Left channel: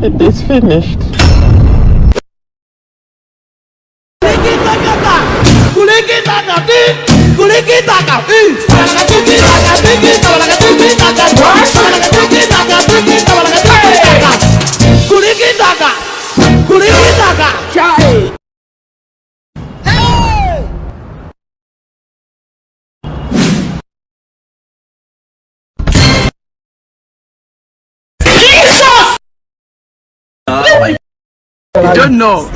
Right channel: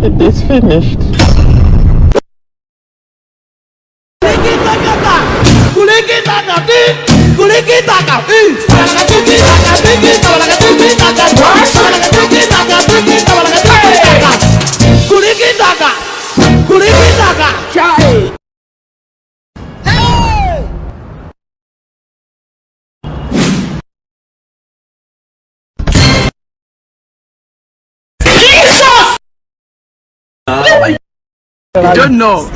It is finished.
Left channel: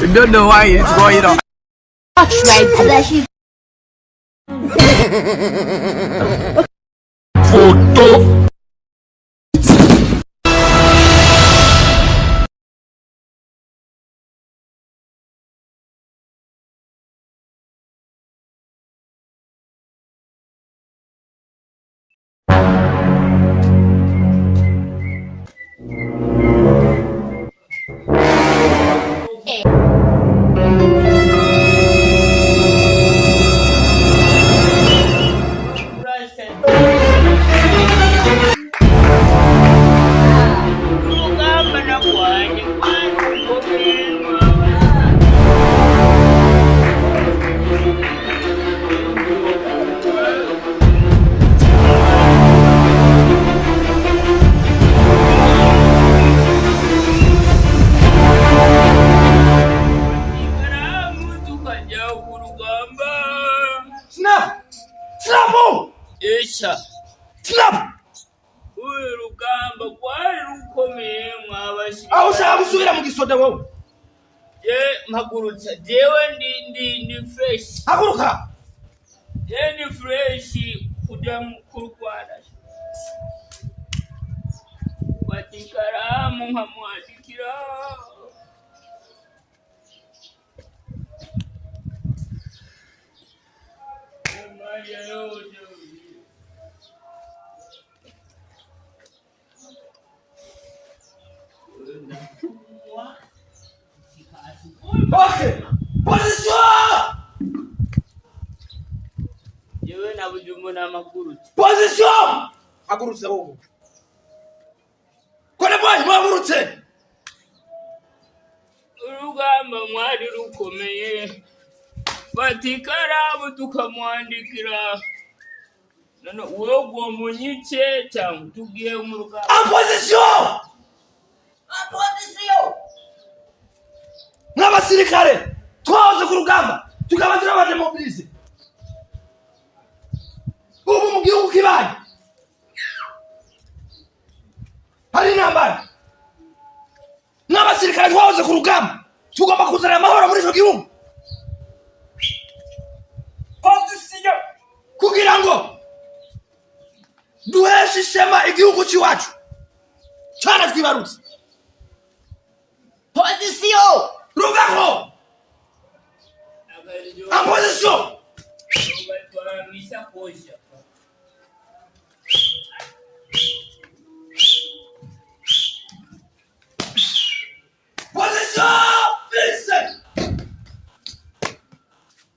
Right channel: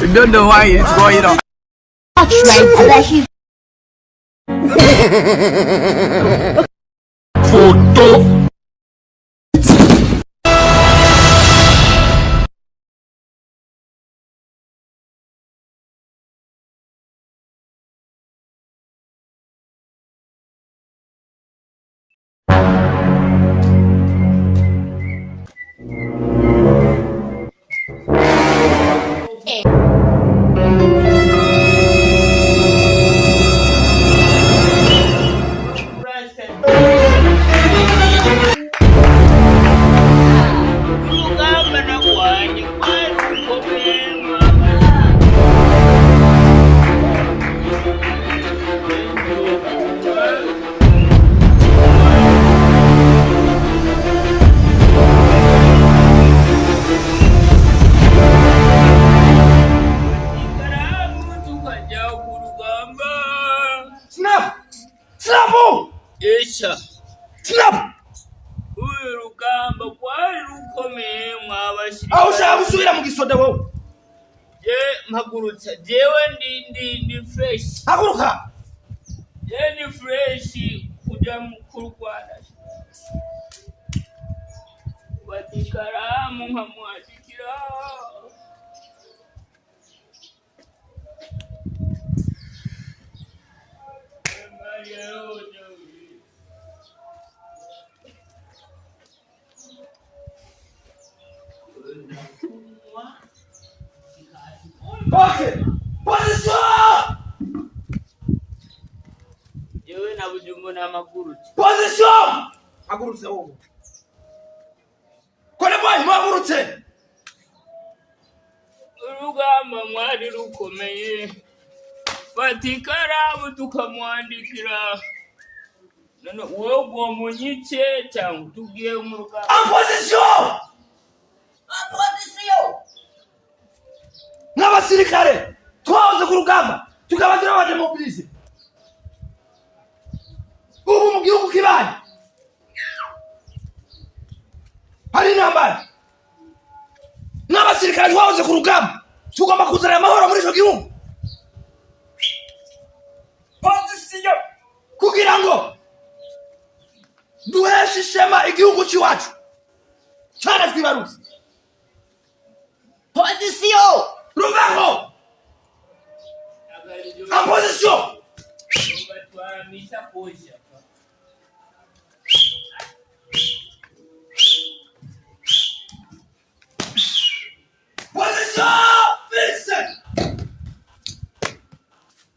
You don't know why it's going on. Photo. Snap! Urugamba kwari rukomeye mwabashirika. Aho ushaka gusubira mu gisoda wowe? Mpagurutsa jewe ndi fresh. Haguruka. Ndi fresh kuja mu kurwana. Batikaramu nkamwashikira. Okay. Position! Jewe nabujumu na magurutsa. Position! Hagurutse wowe. Kone boy mwagurutse. Urugamba mwari rukomeye. Batikaramu tukamwandikira. None wewe munyitse cyangwa tugiye mu rugamba. Position! Nabasirikare twahoze ku rugamba tukabagira abademobilize ubu mu gihugu kibaye hari intambara n'abasirikare twahoze ku rugamba tugomba kuzana amahoro muri icyo gihugu kugira ngo duheshe ishema igihugu cy'iwacu cyane twibarutse. Position! Rugaho! En position! Position! Vincent!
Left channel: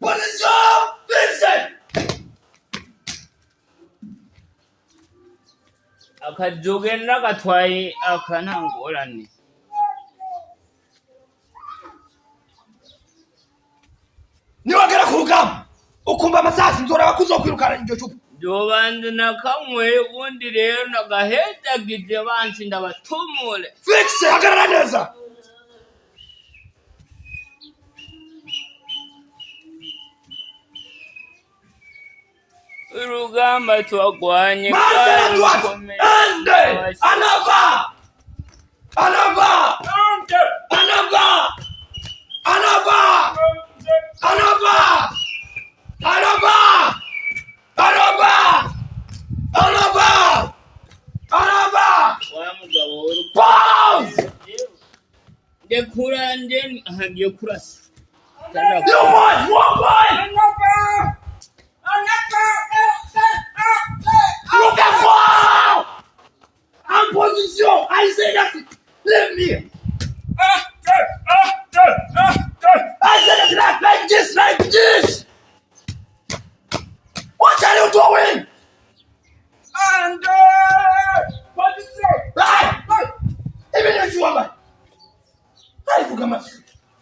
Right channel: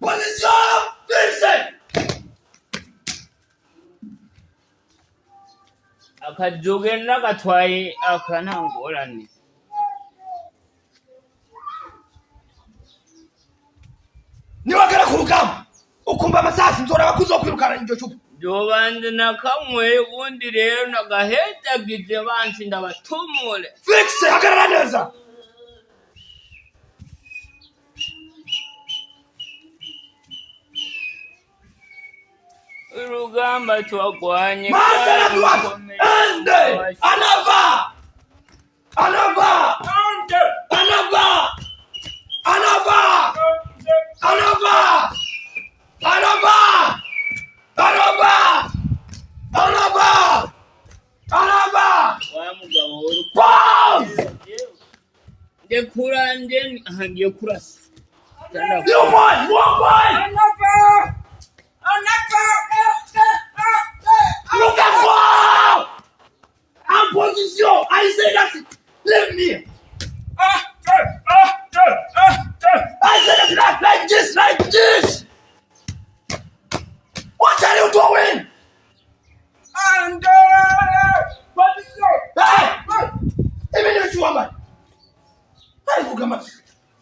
Position! Vincent! Akajoge nagatwaye akanangorane. Niwagera ku rugamba ukumva amasasi nzora bakuzokwirukana iryo cupa. Jobanze nakamwe ubundi rero nagahedagije bansi ndabatumure. Fix hagarara neza. Urugamba twagwanye. Marcela Duarte! Ende! Anava! Anava! Anava! Anava! Anava! Anava! Anava! Anava! Anava! Wa mugabo uri Pause! Ndekura ngiye kurasa. You won! Anava! Look at wow! I'm position. I say that. Leave me. I said that like this, like this. What are you doing? Even if you want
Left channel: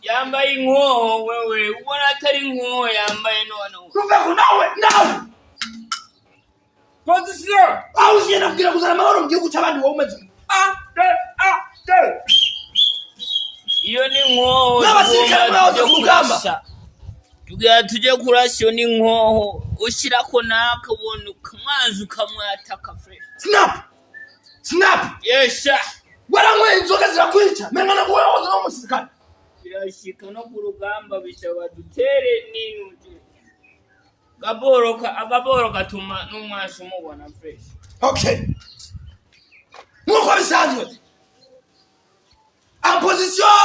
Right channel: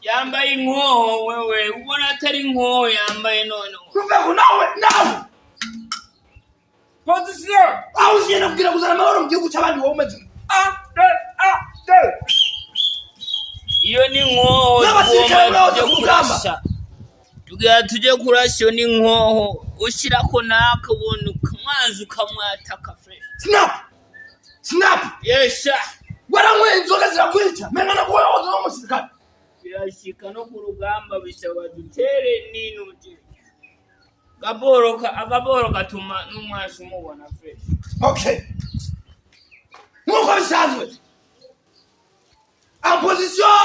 Yambaye inkoho wewe ubona atari inkoho yambaye none. Ruvaho now. Position. Awuziye kugira kuzana amahoro mu gihugu cy'abandi wowe umeze. Iyo ni inkoho. Nabasirikare baje kurugamba. Tujye kurasha iyo ni inkoho ushirako naka ubona ukamwanza ukamwataka fresh. Snap. Yes sir. Waranywe inzoga zirakwica. Mengana ko woza no musirikare. Birashika no ku rugamba bisaba dutere n'intu. Agaboro gatuma n'umwashi umubona fresh. Okay. Nuko bisanzwe. En position.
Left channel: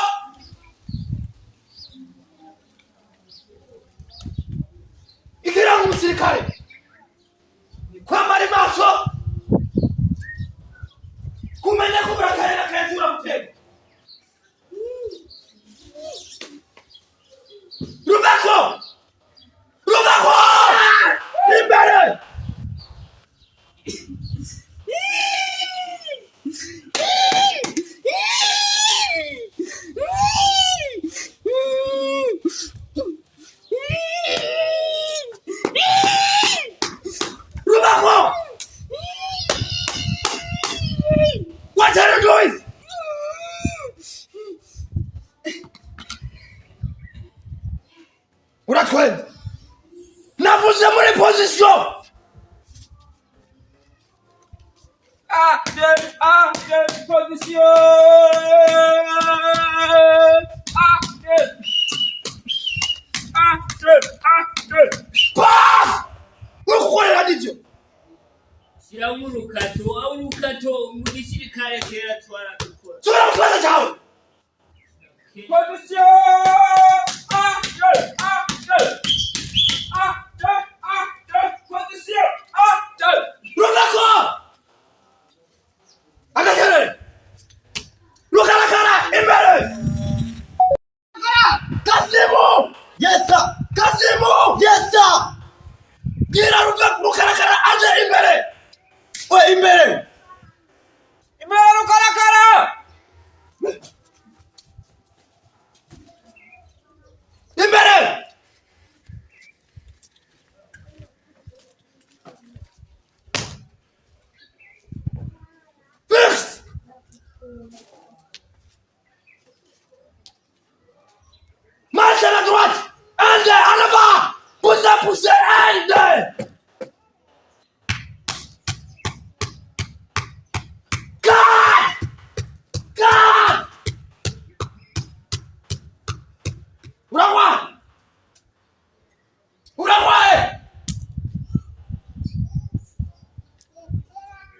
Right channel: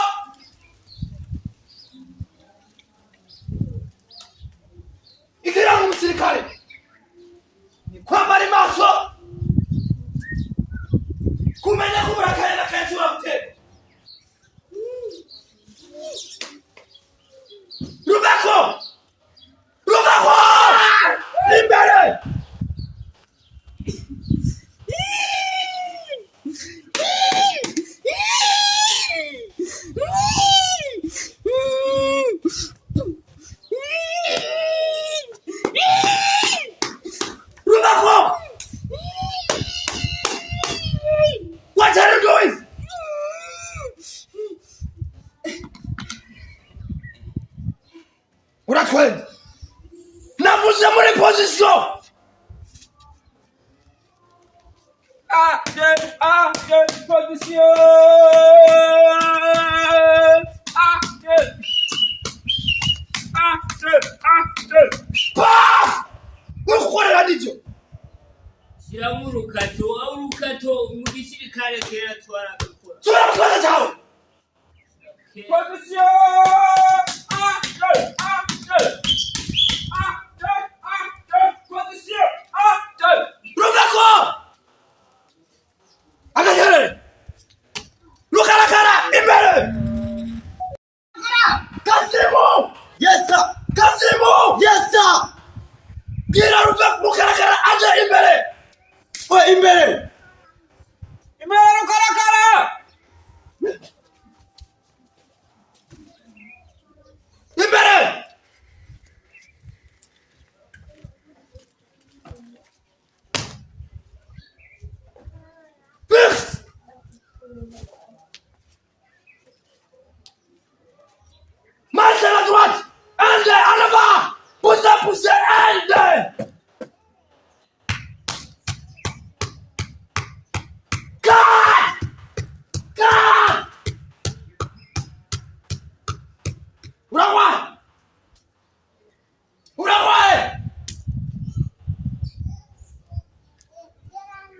Igira mu musirikare. Kwambara maso. Kumenya kuburakare na kayicura mutego. Ruvaho! Imbere! Ruvaho! What are you doing? Uratwenda. Navuze muri position. Position. Paf! Urukorera nivyo. Shyira mu rukato mu gisirikare kera twarakora. Sura mutwaza cyawe. Position. Ruvaho! Agakere! Rukarakara imbere! Kasimu! Yes sir! Kasimu! Yes sir! Gira Rukarakara aje imbere! Imbere! Imbere Rukarakara! Imbere! Fix! Marche à la droite! Ende, en avant! Poussez, ende! Cut! Urakwae!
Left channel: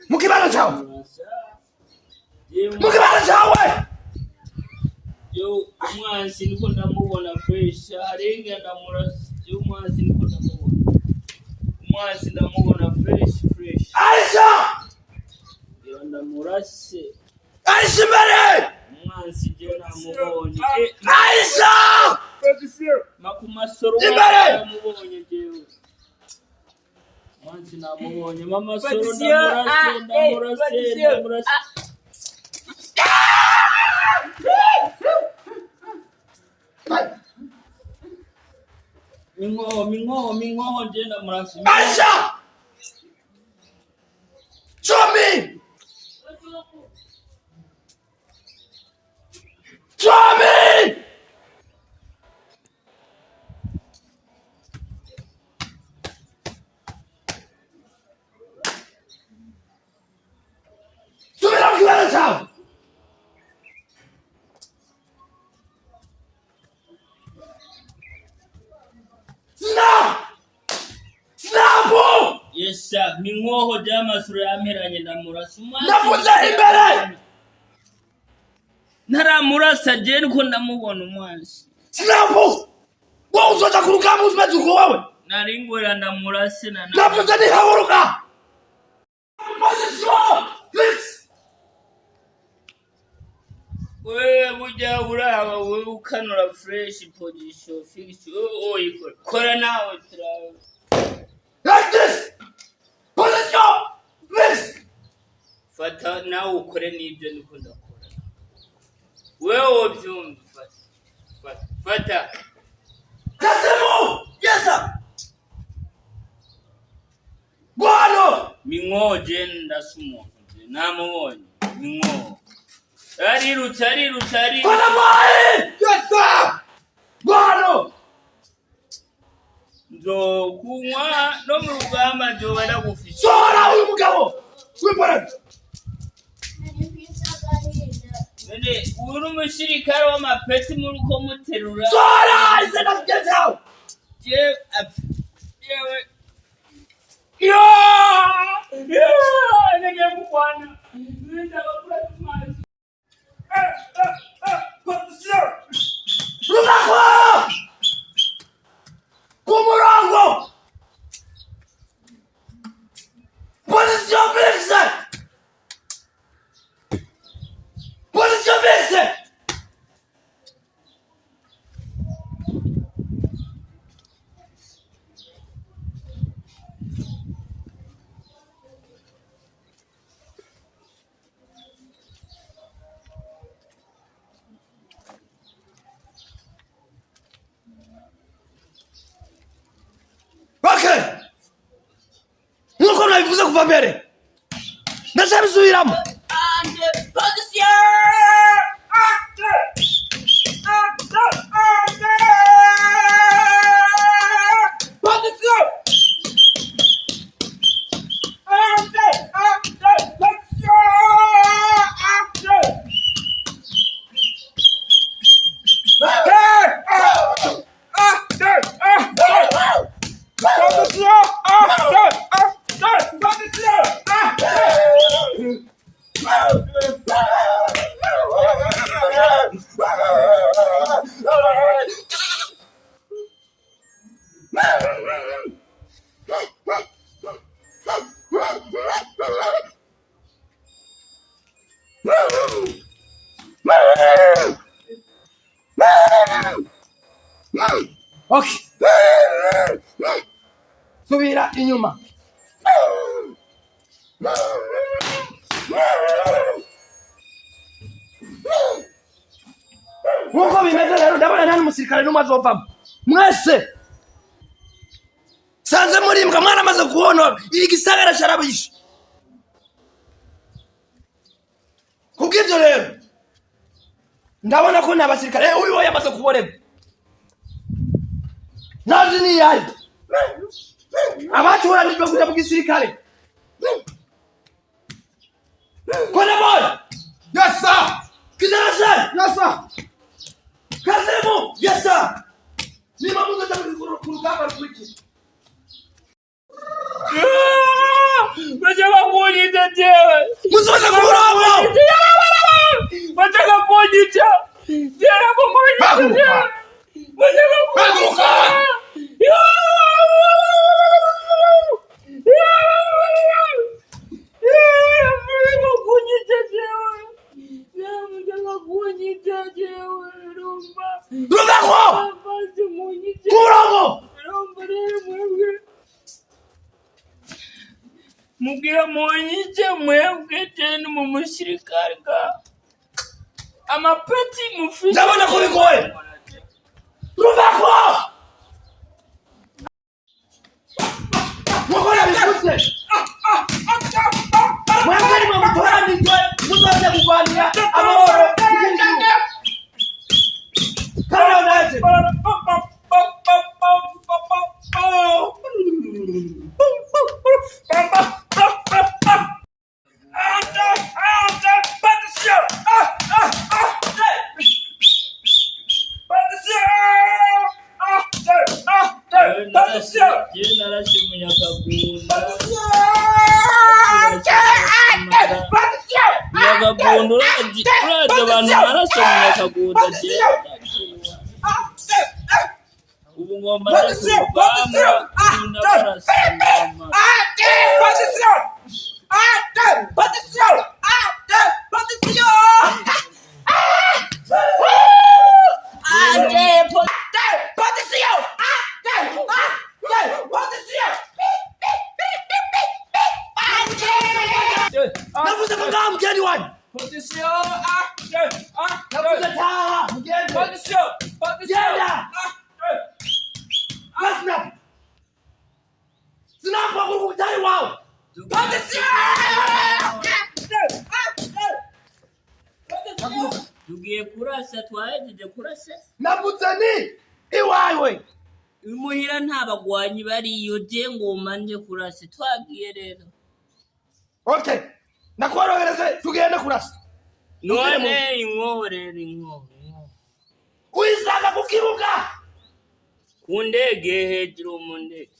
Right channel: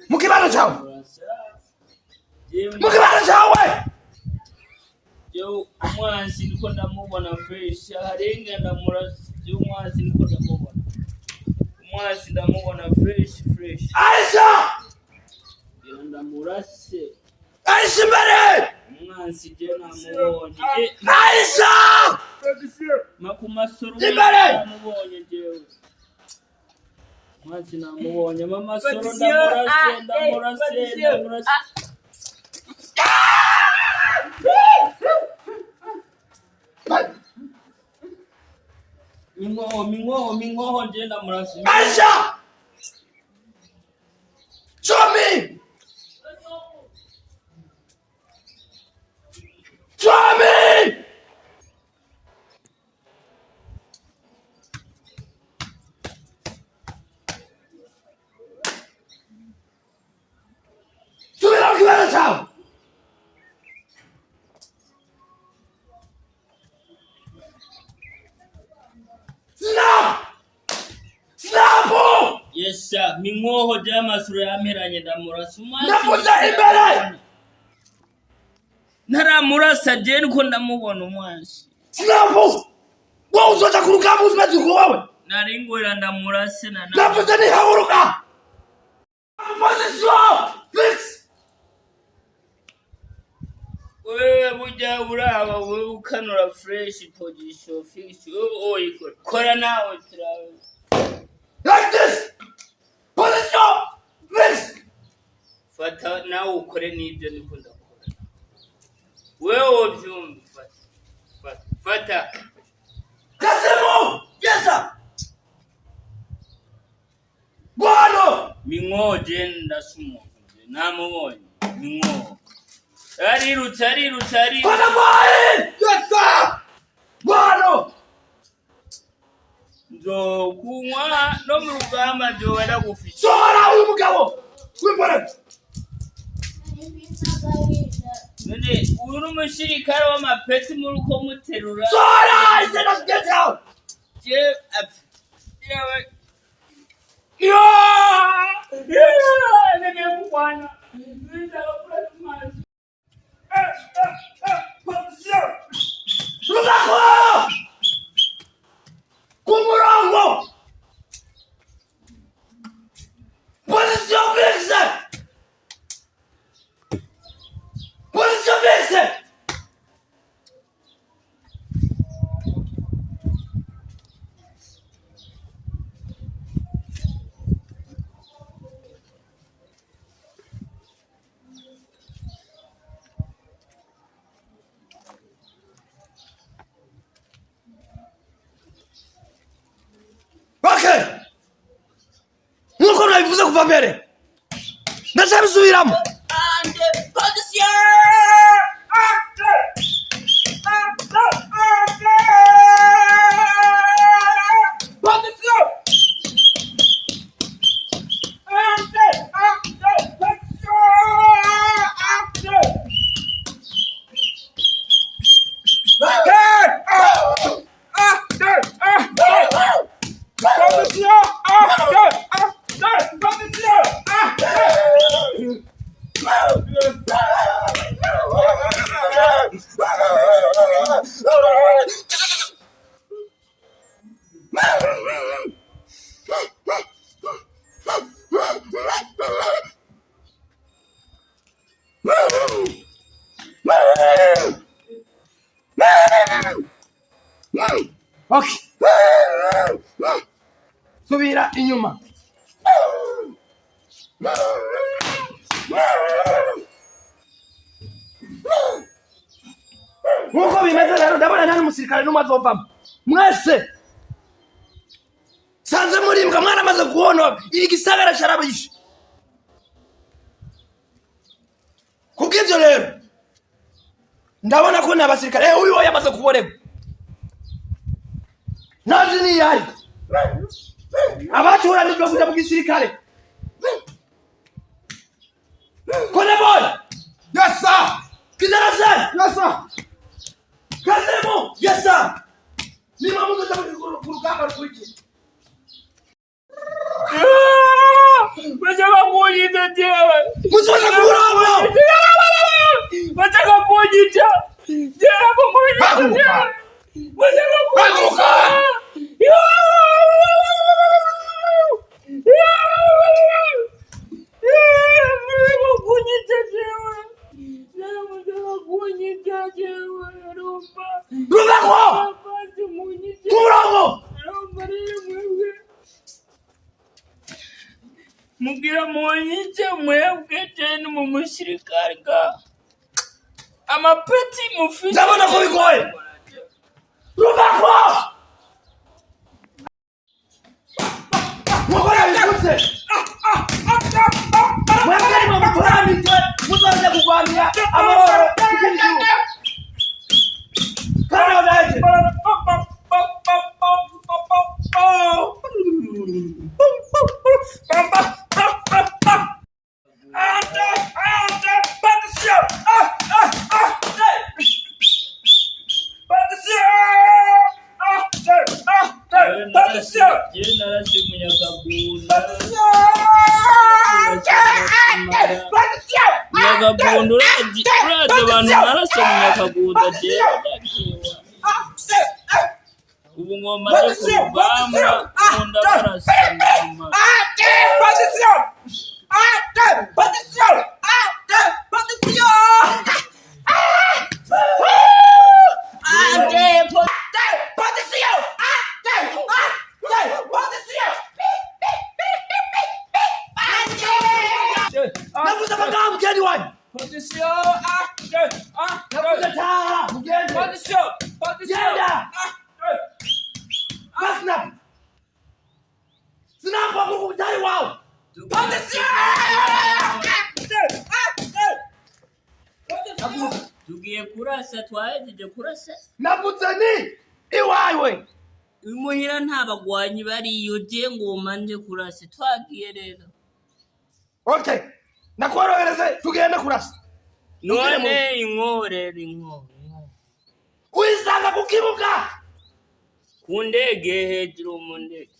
Mukibano chawe! Yo umwansi niko ndamubona fresh harenga ndamurasa yo umwansi niko ndamubona umwansi ndamubona fresh Aisha yo ndamurase Aisha mbere umwansi je namubonye Aisha makumasoro namubonye jewe umwansi namubonye mama soro ndamurase Mingo, jenda murasi. Aisha! Show me! Show me! Subira mkibana chao! Snap! Yes sir, mingo jama sura yameranye ndamurasa. Nafuze imbere! Naramurasa je niko ndamubona umwansi. Snap! Wowe uzoja ku rugamba uzimeze uko wowe? Naringwera ndamurase na Nafuze ni haburuka! Position! Fix! we mujya uraba we ukanura fresh position fix kora nawe turawe like this position fix fata nawe ukore nibyo niko ndakora wewe byumva fata Kasemo yes sir Gwano mingoje ndasumo namubonye mingo ari Kona mai yes sir Gwano nzo kunywa no mu rugamba nzo wenda gufisha Sora uyu mugabo wipora none uri umusirikare w'amapeti muri uko muterura Sora I said let's get out nimekubwana Rudakwa Kumurango Position fixe Position fixe Okay. Nuko nabivuze kuva mbere. Ndazabisubiramo. Okay. Subira inyuma. Nkuko bimeze rero ndabona nta n'umusirikare n'umwe azovamo. Mwese sanze murimbwa mwana amaze kuhonora igisagara sharabishe. Kubw'ibyo rero ndabona ko nabasirikare uyu yamaze kuboreba. Nazi ni yari abaturanijwe kuja mu gisirikare kone boy yes sir kizana sana yes sir Kasemo yes sir ni mamuzo takurukaba rukwiki Bajaka kunyita jewe muzoza kurama bajaka kunyita jewe kunyita jewe bajaka kunyita Mugira monyije mwebwe tena mu musirikare ka amapeti mufite ndabona ko bigoye rubako mukora bikutse mwebwe mu mutoranijwe muzoze kugwanira amahoro kukinjira kana naje Nyakagunda uraje abantu naraso munyakagunda je ubu ngoma ndakubamba kunda barasama position nakuze taha mugende genda Asnap sinapfa kukutari wawe tugiye kurasa twahejeje kurasa navutse ni iwawe imuhira nta bagwanyi bariyo je ngoma nje kurasa twagiye rero okay nakorohereze tugende kurasa none inkore uisanga kukibuka ku ndege hejuru mu ndege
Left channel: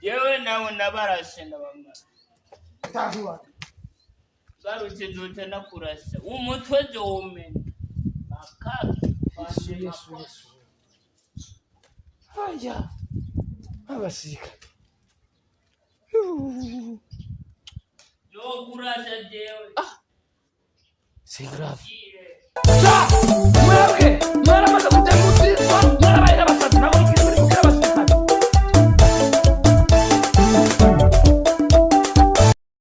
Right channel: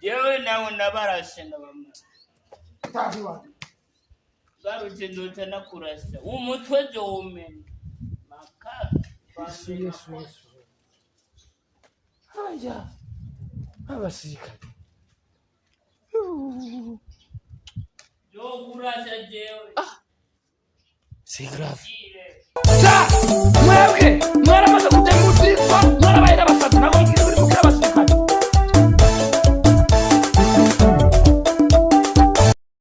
yewe nawe nabarashe ndabamara tahiwa garutse ndote nakurasa umutwe je umene makaka Yesu haya abasirikare yo kurasa jewe c'est grave mwebwe